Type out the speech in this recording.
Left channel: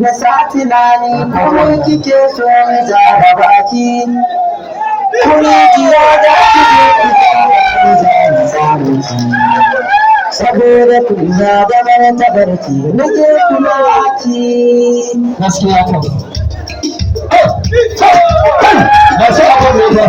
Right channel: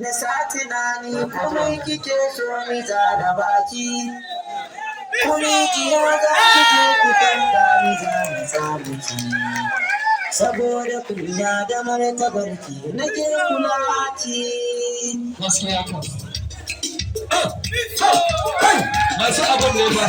Na sa tunani kuma kike so mi zara baki kuni jiya za ki je ki fara mi saboda kunya da mara tabarki nake kula ki gaskiya kan masu abin ne ba